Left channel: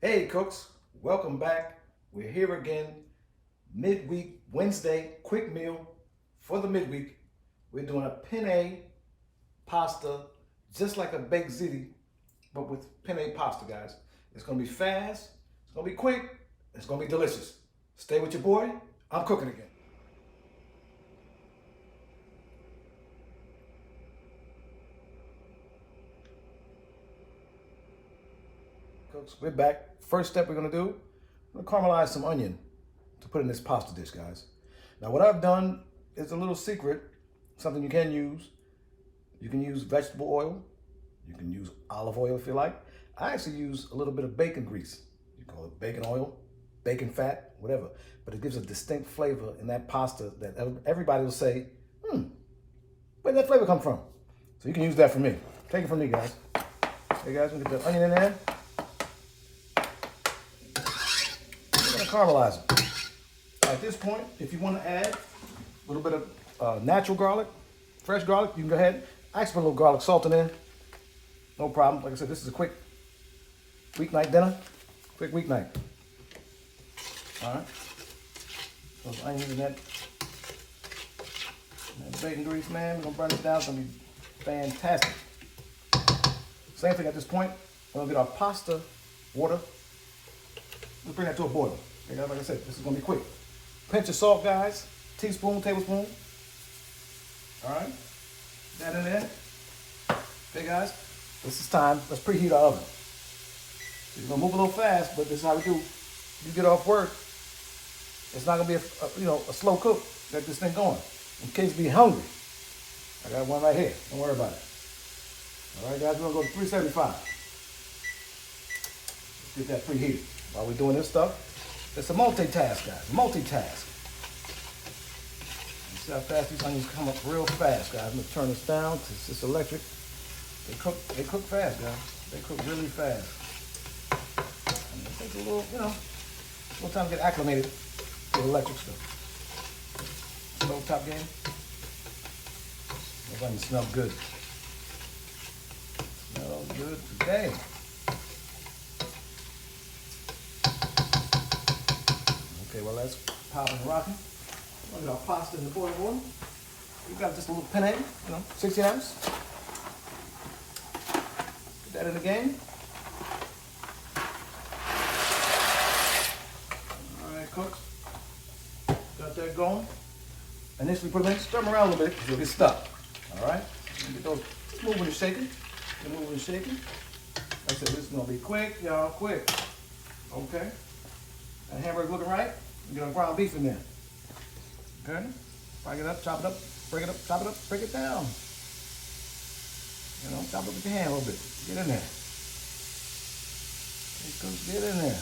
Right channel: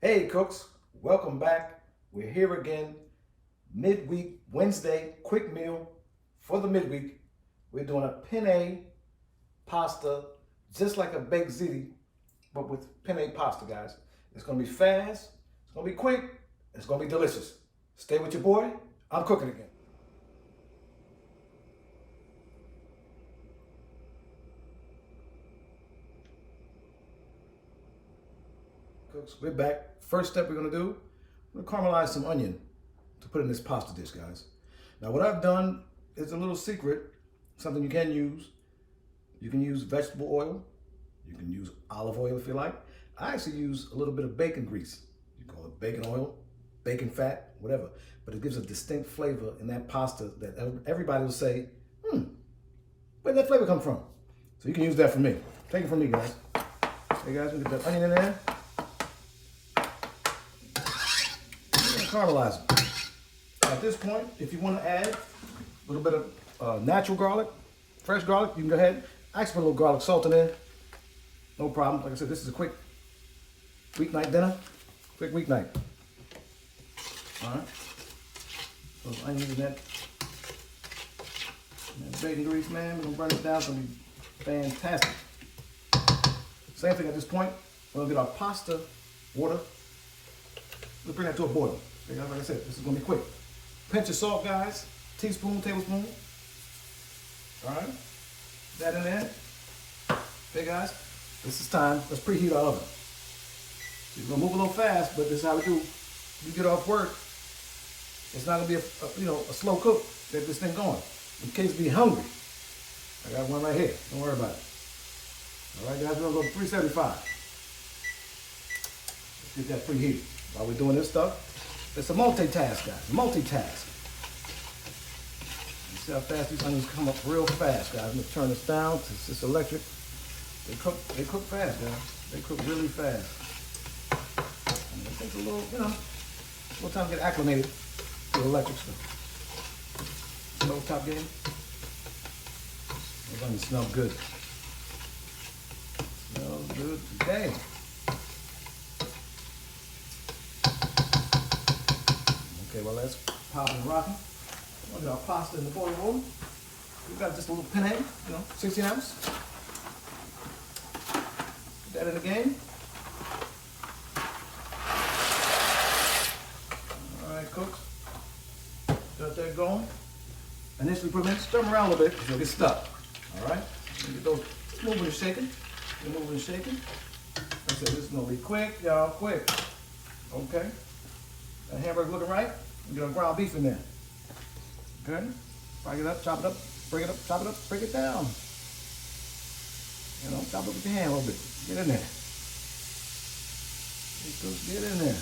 Hey cooks, welcome back. We're here again, midweek, Wednesday, quick meal for the midweek. We're doing a penne pasta, just like a baked ziti, but with penne pasta, guys. It's gonna be fast, it's gonna be quick, it's gonna be delicious. Stay with your boy, I'm cooking again. Cooks, we're back. First step we're gonna do, we're gonna caramelize some onion to put in this pasta dish, guys. Now what I've done is a little secret, something you can use. You can use vegetable oil. You can use olive oil if you like. I actually use a little bit of bacon grease. You call it bacon oil, bacon fat, whatever. But it gives a distinct flavor in that pasta that everybody will say, where did that flavor come from? So you can use that for me. Take it from me, guys. Hey guys, we get that onion in there. We're gonna caramelize it. At this point, if you want to add a little bit of natural garlic, fresh garlic, you can go ahead. I just put a little garlic salt in there. No problem. Like I said, this is a quick weeknight dinner. Quick weeknight. All right. Those onions and that bacon grease, man. We're gonna burn it down. It's gonna be fantastic. Same thing at this point. We're gonna get our pasta water. We'll bring that to a boil. Okay, like I said, this is gonna be quick. Pinch of salt, guys. Teaspoon, tablespoon. All right. That in there. Okay, guys. This is time. Let's preheat our oven. So you're gonna move a little fast, but this is how we do. You get off work. It's not gonna be a slow cook. Get this thing going. In case you're hungry. I got one right here. Don't worry about it. All right, guys. We're gonna go to 375. Let's get that preheated. While we're doing this stuff, it's a multitask, guys. Multitask. You see how fast these onions come up real fast, guys. I'm gonna turn this down because it's electric. They cook fast, guys. They cook really fast. And it takes a little, a little time to get acclimated to the electric stuff. Slow top game. Those onions smell good. Smell good today. Okay, well let's pop and rocking. We'll get our pasta in the boiling water. We got just a little penne, 16 ounce. Put that in the game. All right, cooks. Got that going. Initially put them in, stir them around a little bit because you'll get stuck. All right? Get those moving and shaking. Get moving and shaking. Like I said, this is going to be quick, y'all, quick. Okay? That hamburger looking right. We get our ground beef in there. Okay? Fry it up, chop it up, break it up, chop it up, break it down. Chop it up with your hand a little bit. Get in there. Get in there.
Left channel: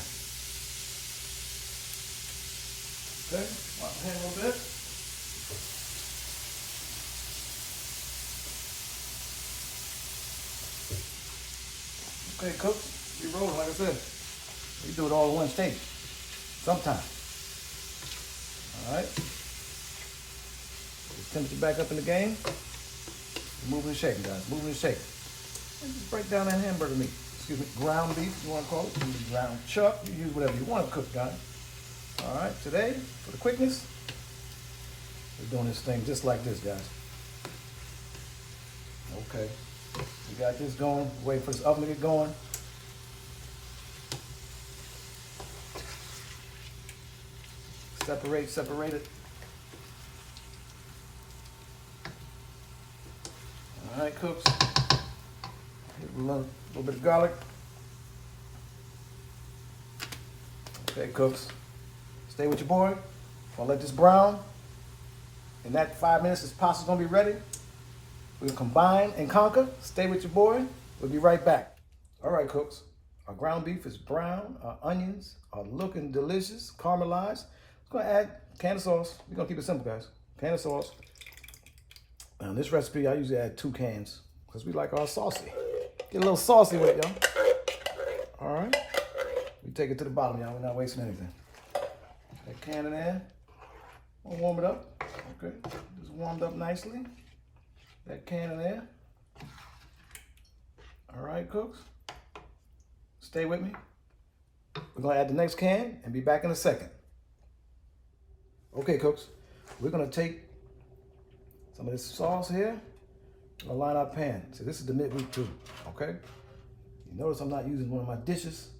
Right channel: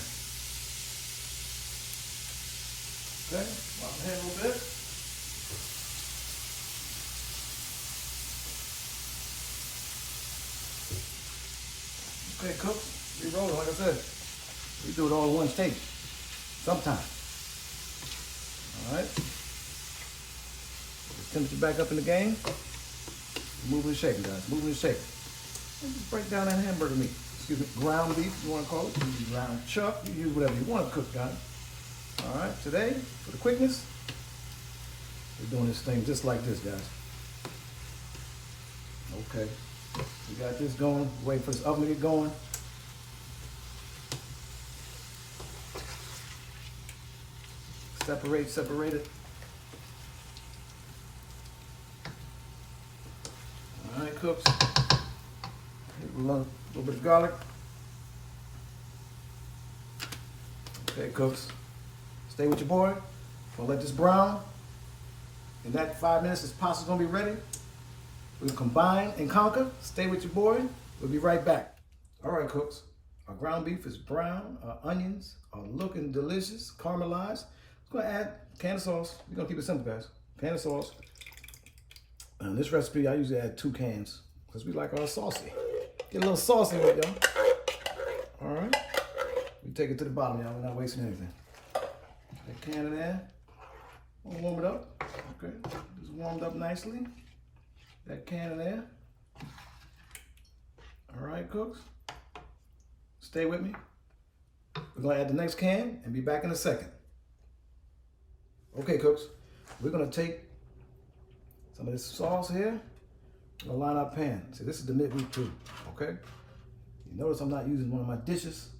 Okay? Pop the hand a little bit. Okay, cooks, we rolling, like I said. We do it all in one take. Sometime. All right. Just temperature back up in the game. Moving and shaking, guys. Moving and shaking. And just break down that hamburger meat. Excuse me, ground beef, if you want to call it. You use ground chuck. You use whatever you want to cook, guys. All right. Today, for the quickness, we're doing this thing just like this, guys. Okay. We got this going. Wait for this oven to get going. Separate it. All right, cooks. A little bit of garlic. Okay, cooks. Stay with your boy. Gonna let this brown. In that 5 minutes, this pasta's gonna be ready. We'll combine and conquer. Stay with your boy. We'll be right back. All right, cooks. Our ground beef is brown. Our onions are looking delicious, caramelized. We're gonna add a can of sauce. We're gonna keep it simple, guys. Can of sauce. Now, this recipe, I usually add 2 cans because we like our saucy. Get a little saucy with it, y'all. All right. We take it to the bottom, y'all. We're not wasting anything. That can in there. We'll warm it up. Okay. Just warmed up nicely. That can in there. All right, cooks. Stay with me. We're gonna add the next can and be back in a second. Okay, cooks, we're gonna take some of this sauce here. We're gonna line our pan. See, this is the midweek too, okay? You notice I'm not using one of my dishes.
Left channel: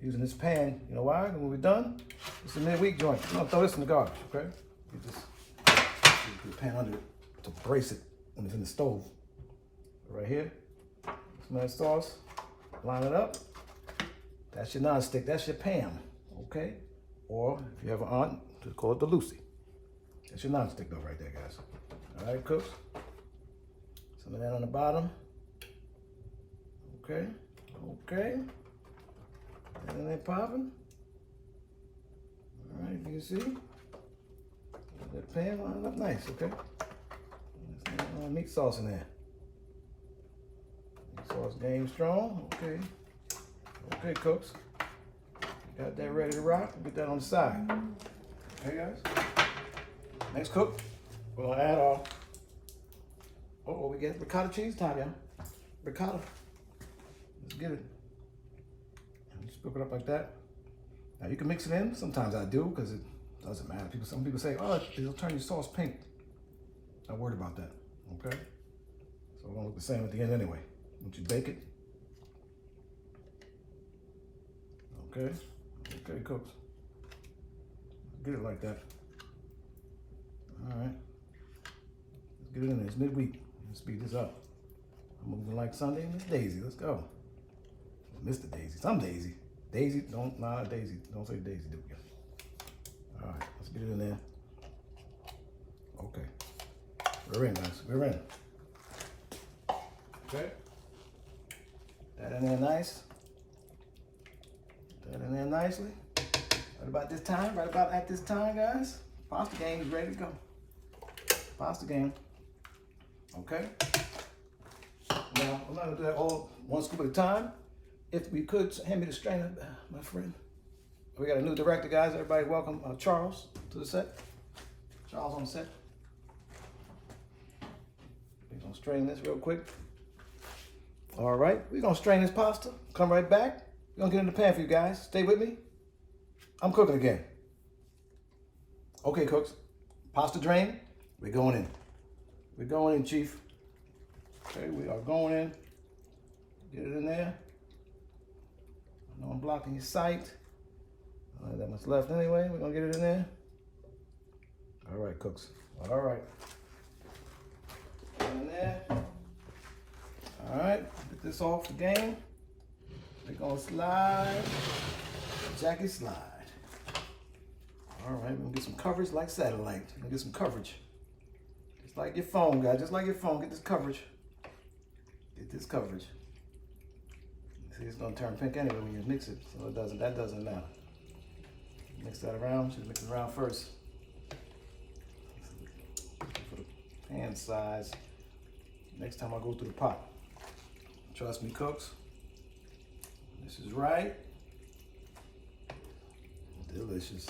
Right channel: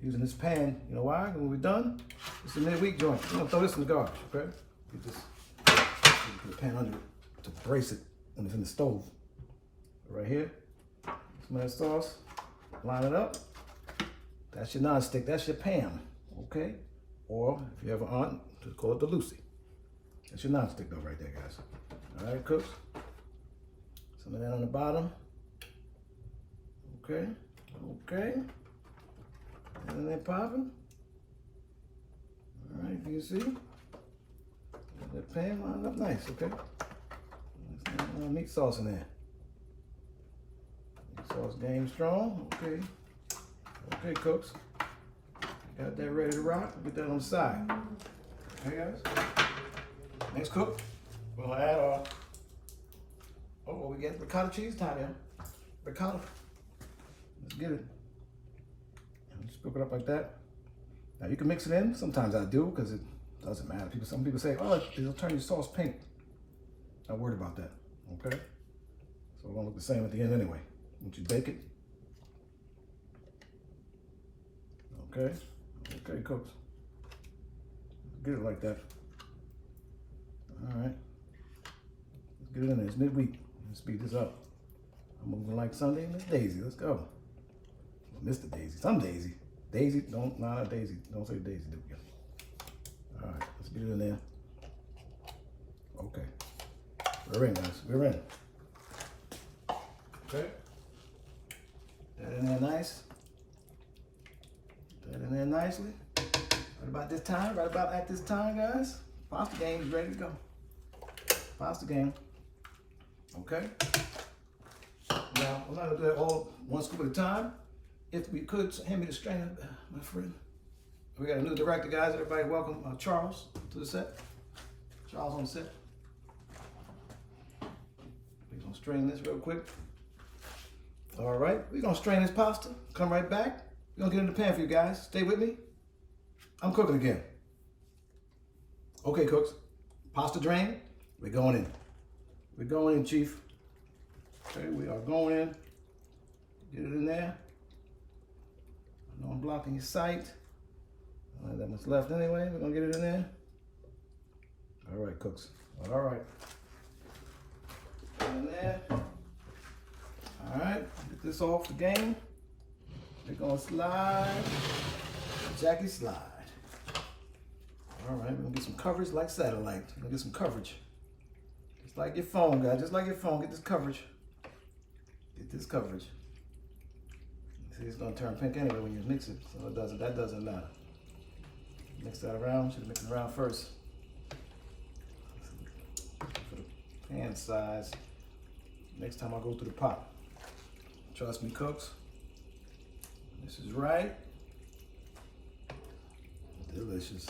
I'm using this pan. You know why? When we're done, it's a midweek joint. We're gonna throw this in the garbage, okay? You just put the pan under it to brace it when it's in the stove. Right here, some of that sauce, line it up. That's your nonstick, that's your Pam, okay? Or if you have an aunt, just call it the Lucy. That's your nonstick though right there, guys. All right, cooks. Some of that on the bottom. Okay, okay. And they popping. All right, you can see. That pan lined up nice, okay? There's some meat sauce in there. Meat sauce game strong, okay. Okay, cooks. Got that ready to rock. We'll get that on the side. Okay, guys. Next cook, we're gonna add our, we get ricotta cheese time, y'all. Ricotta. Let's get it. Just cook it up like that. Now you can mix it in. Sometimes I do because it doesn't matter. Some people say, oh, it'll turn your sauce pink. Not worried about that. Okay. So we're gonna look the same at the end anyway. Once you bake it. Okay. Okay, cooks. Get it like that. All right. Let's get it in there. It's midweek. Let's speed this up. I'm moving like Sunday. Miss Daisy. Let's go. Mr. Daisy. Some Daisy. Daisy. Not Daisy. Don't say Daisy, do we? All right. Let's get it in there. Okay. We're in, guys. We're in. Okay. That in there nice. That in there nicely. Right about this time, right about at this time, guys, pasta game is ready to go. Pasta game. Okay. Now, I'm not gonna do that all one scoop at a time. If we could, hand me the strainer, my friend. We got a new director, guys. Everybody welcome Charles to the set. Charles on set. We're gonna strain this real quick. All right, we're gonna strain this pasta. Come right back. We're gonna get in the pan for you guys. Stay with me. I'm cooking again. Okay, cooks. Pasta drain. We're going in. We're going in, Chief. Okay, we are going in. Get it in there. I know I'm blocking your sight. I don't have that much left anyway. We're gonna get it in there. All right, cooks. All right. Get in there. All right, get this off the game. We're gonna slide. Jackie slide. All right, we're gonna get some coverage like satellite. We're gonna get some coverage. Just like your phone, guys. Just like your phone. Get this coverage. Get this coverage. See, it's gonna turn pink anyway when you mix it, so that doesn't matter. Mix that around. Should mix it around first. For the pan size. Next time I go through the pot. Trust me, cooks. This is right. Delicious.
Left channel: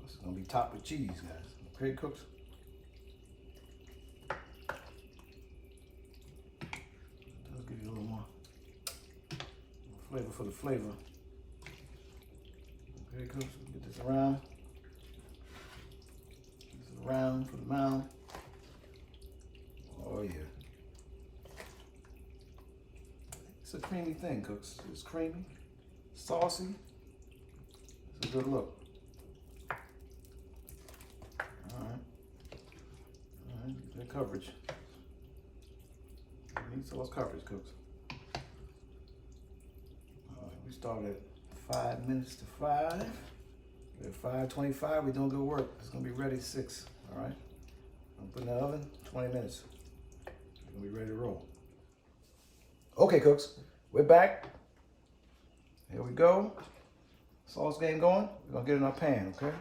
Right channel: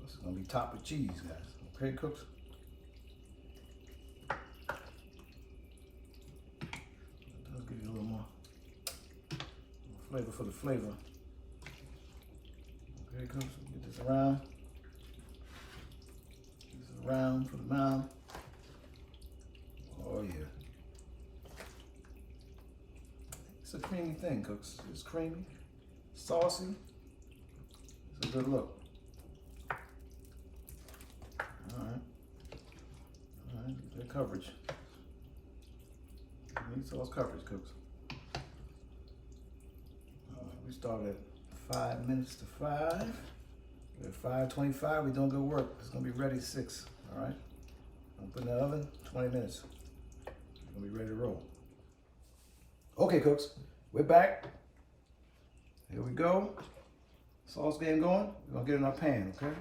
This is gonna be topped with cheese, guys. Okay, cooks. Let's give you a little more flavor for the flavor. Okay, cooks. Get this around. Get this around for the mound. Oh yeah. It's a creamy thing, cooks. It's creamy, saucy. It's a good look. All right, get that coverage. Need sauce coverage, cooks. All right, we started at 5 minutes to 5. At 5:25, we don't go work. It's gonna be ready 6. All right. I'm putting in the oven 20 minutes. It's gonna be ready to roll. Okay, cooks, we're back. Here we go. Sauce game going. We're gonna get it in our pan, okay?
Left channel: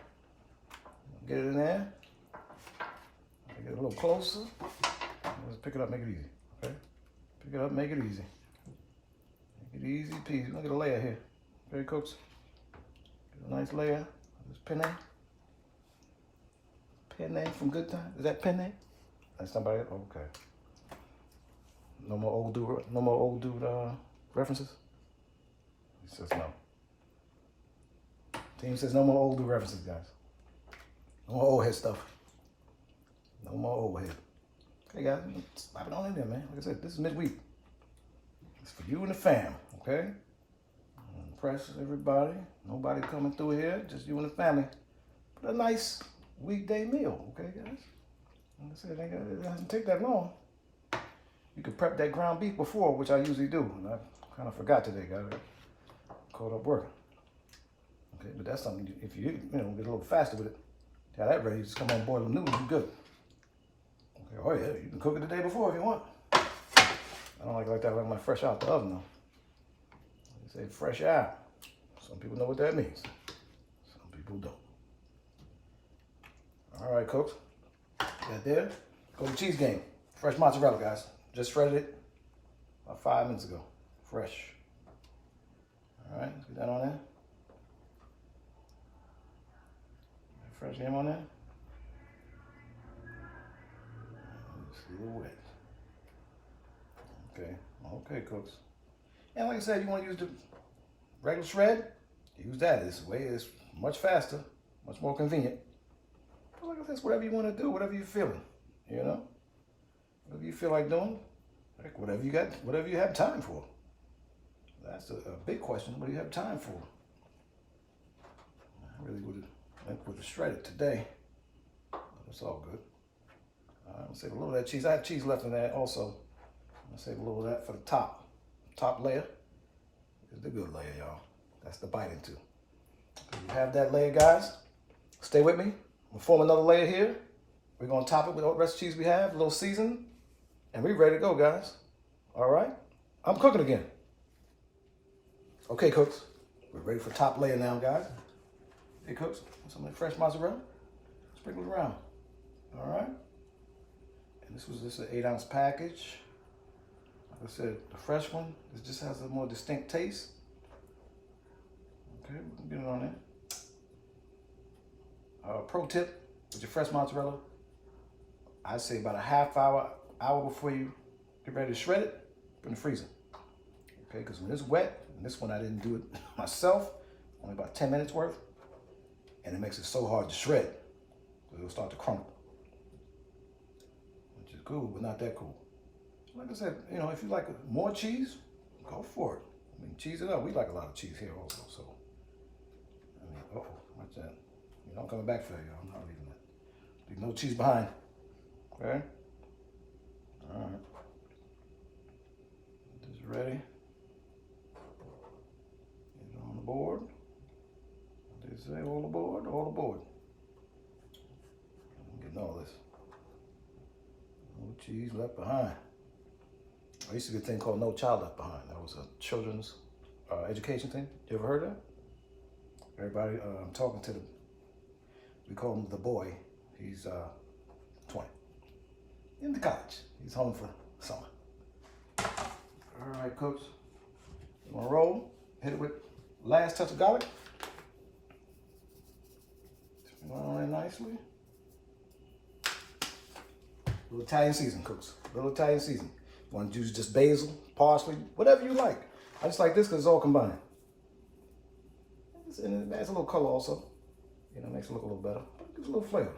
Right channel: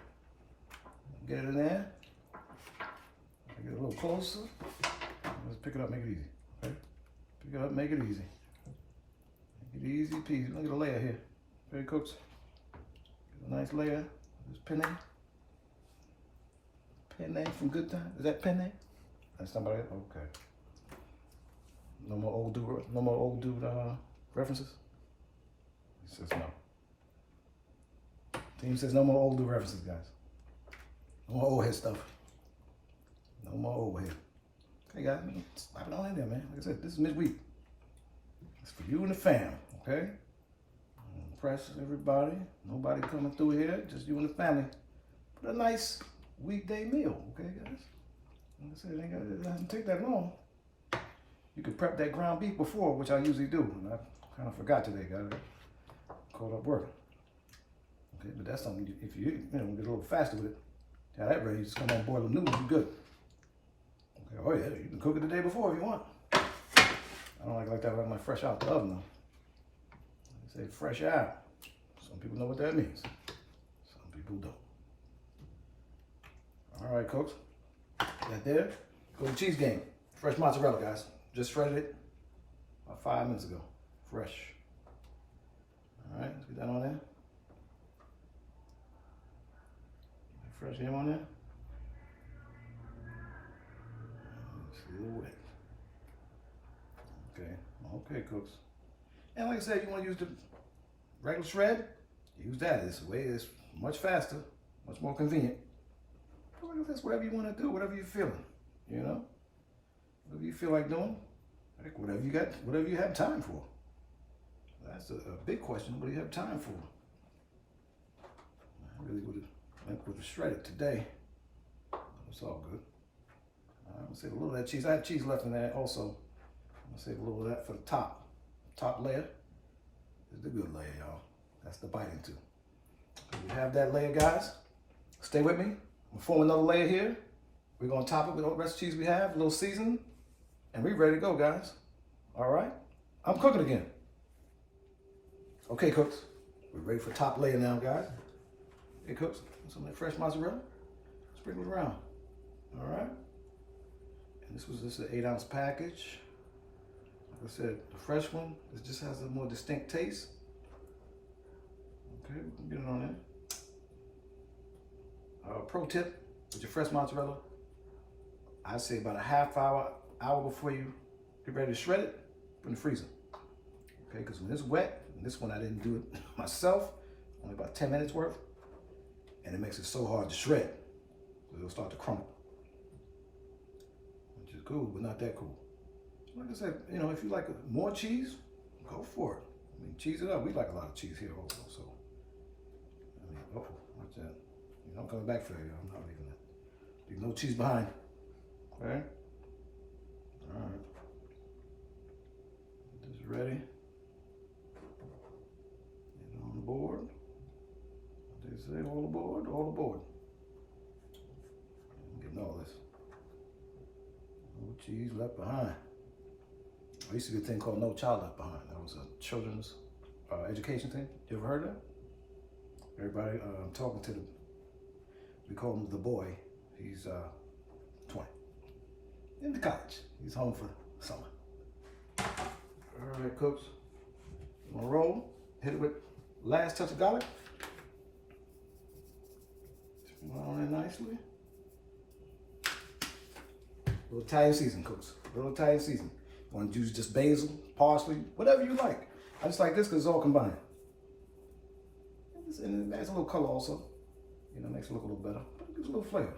Get it in there. Get it a little closer. Let's pick it up, make it easy, okay? Pick it up, make it easy. Make it easy peasy. We're gonna get a layer here. Okay, cooks? Get a nice layer of this penne. Penne from Good Time. Is that penne? That's somebody, okay. No more old dude references? He says no. Team says no more old dude references, guys. No more old head stuff. No more old head. Okay, guys, slap it on in there, man. Like I said, this is midweek. It's for you and the fam, okay? Impress everybody. Nobody coming through here, just you and the family. But a nice weekday meal, okay, guys? Like I said, it doesn't take that long. You can prep that ground beef before, which I usually do. And I kind of forgot today, guys. Caught up working. Okay, but that's something, if you get a little faster with it, have that ready, just come on boil them noodles, you're good. Okay, oh yeah, you can cook it the day before if you want. I don't like that, I like my fresh out the oven though. They say fresh out. Some people know what that means. Some people don't. All right, cooks. That there. Go to cheese game. Fresh mozzarella, guys. Just shredded it about 5 minutes ago. Fresh. All right, let's get that on there. Fresh game on there. It's a little wet. Okay, cooks. And like I said, you want to use the regular shred, use that. It's much faster, much more convenient. But like I said, it's whatever you want to do, whatever you're feeling, you know? Whatever you feel like doing, like whatever you have time for. That's a big question. What do you have time for? I really would have went with the shredded today. But it's all good. I'm gonna save a little of that cheese. I have cheese left in there also. I'm gonna save a little of that for the top. Top layer is the good layer, y'all. That's the bite into. So you have that layer, guys. Stay with me. I'm gonna form another layer here. We're gonna top it with the rest of the cheese we have, a little season, and we're ready to go, guys. All right? I'm cooking again. Okay, cooks. We're ready for top layer now, guys. Hey, cooks. Some of that fresh mozzarella. Sprinkle it around. All right? And this is an 8-ounce package. Like I said, the fresh one, it just has a more distinct taste. Okay, we can get it on there. Pro tip with your fresh mozzarella, I say about a half hour before you get ready to shred it, put it in the freezer. Okay, because when it's wet, and this one I didn't do it myself, only about 10 minutes worth, and it makes it so hard to shred, so it'll start to crumble. Which is cool, but not that cool. Like I said, if you like more cheese, go for it. I mean, cheese it up. We like a lot of cheese here also, so. Watch that. I'm coming back for you. I'm not leaving that. Leave no cheese behind. Okay? All right. Just ready. Get it on the board. What they say, hold the board, hold the board. I'm getting all this. No cheese left behind. There used to be a thing called No Child Left Behind. That was a children's education thing. You ever heard of that? Everybody, I'm talking to we call him the boy. He's 20. In the college. He's home for summer. All right, cooks. You want to roll? Hit it with last touch of garlic. Going on in nicely. Little Italian season, cooks. Little Italian season. You want to use just basil, parsley, whatever you like. I just like this because it's all combined. And it adds a little color also. Makes it look a little better. But it gives a little flavor.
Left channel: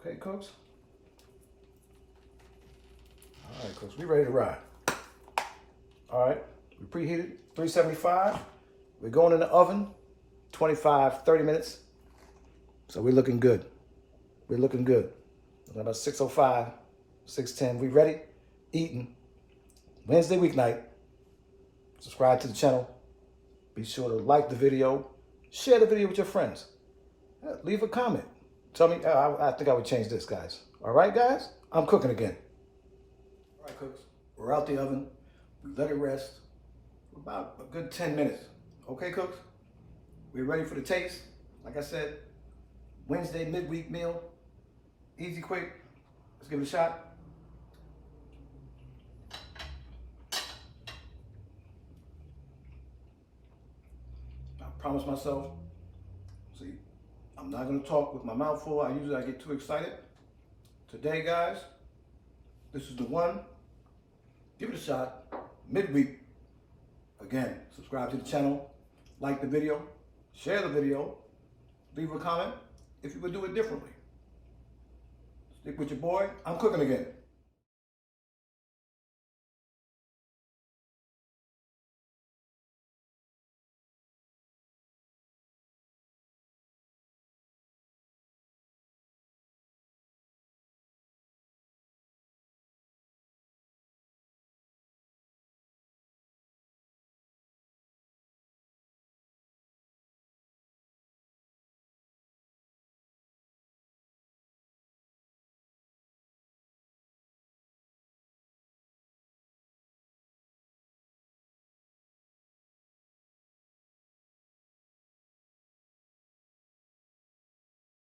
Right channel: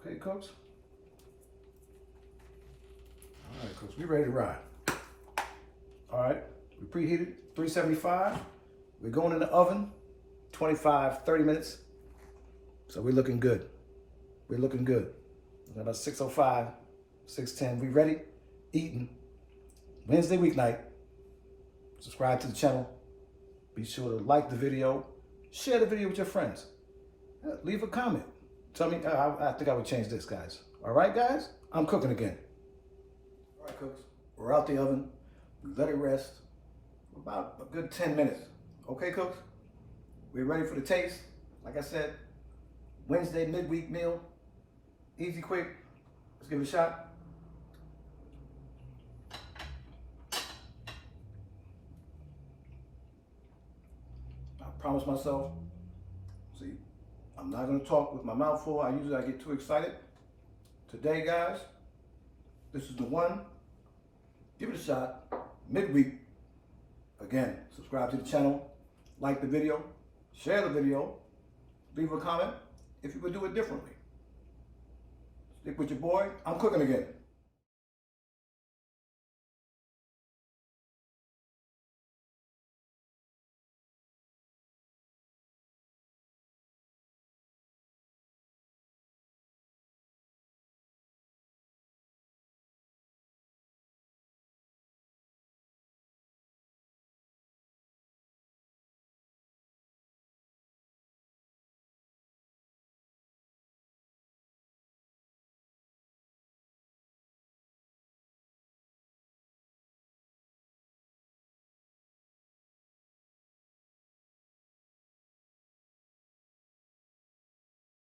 Okay, cooks? All right, cooks, we ready to ride. All right, we preheated 375. We're going in the oven 25, 30 minutes. So we're looking good. We're looking good. It's about 6:05, 6:10. We ready? Eating. Wednesday weeknight. Subscribe to the channel. Be sure to like the video. Share the video with your friends. Leave a comment. Tell me, I think I would change this, guys. All right, guys? I'm cooking again. All right, cooks. We're out the oven. We let it rest for about a good 10 minutes. Okay, cooks? We're ready for the taste. Like I said, Wednesday midweek meal. Easy, quick. Let's give it a shot. I promised myself, see, I'm not going to talk with my mouth full. I get too excited. Today, guys, this is the one. Give it a shot. Midweek. Again, subscribe to the channel, like the video, share the video, leave a comment if you would do it differently. Stick with your boy. I'm cooking again.